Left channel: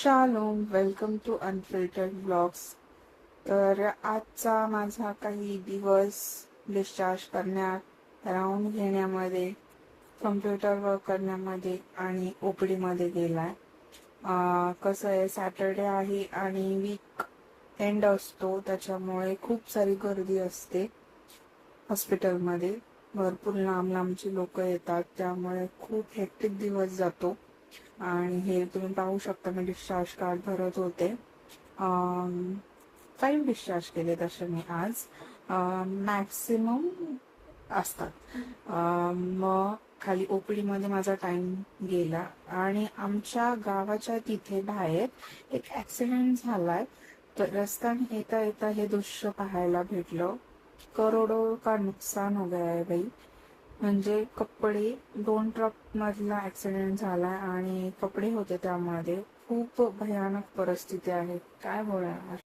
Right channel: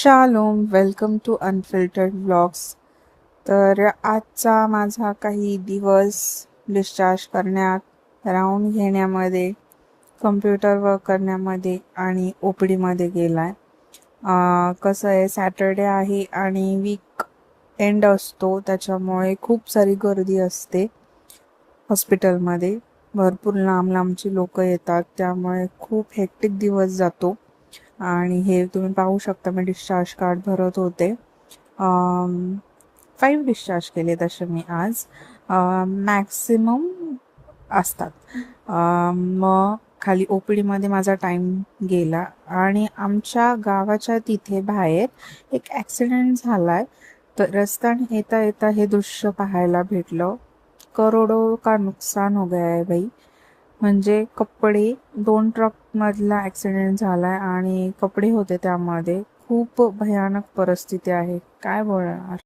Shalom, welcome to unfiltered blogs. तर आजचा माझा काही दिवस डिस्चार्ज करण्यात, राऊंड घेण्यामध्ये, कम्प्युटर वर्क करण्यामध्ये आणि ओ पी डीमध्ये गेला आहे. कसं आहे, सॅटर्डे आहे आणि वीक एंड असतो, त्याच्यामुळे खूप सारी गर्दी असते हॉस्पिटलमध्ये. भरपूर लांब लांबची लोक येतात, त्यामुळे खूप हेक्टिक दिवस जातो. आणि हे तुम्ही पाहू शकता, मी डिस्चार्ज कार्ड भरत होते. 5 डिस्चार्ज केले तसे मी आज. मॅक्सिमम असतात. मग खाली ओ पी डीमध्ये माझा टाईम गेला आणि आमच्या गावाच्या तिथे बाहेर एक ॲक्सिडेंट झाला आहे. तर रस्त्याने येता येता हे दृश्य पाहायला भेटलं. करोडो का नुकसान हो गया है भाई. म्हणजे कपडे, 2 ट्रकमधला ॲक्सिडेंट झाला आहे आणि कपडे होते त्यामध्ये. खूप भयानक परिस्थिती आहे, काय बोलणार.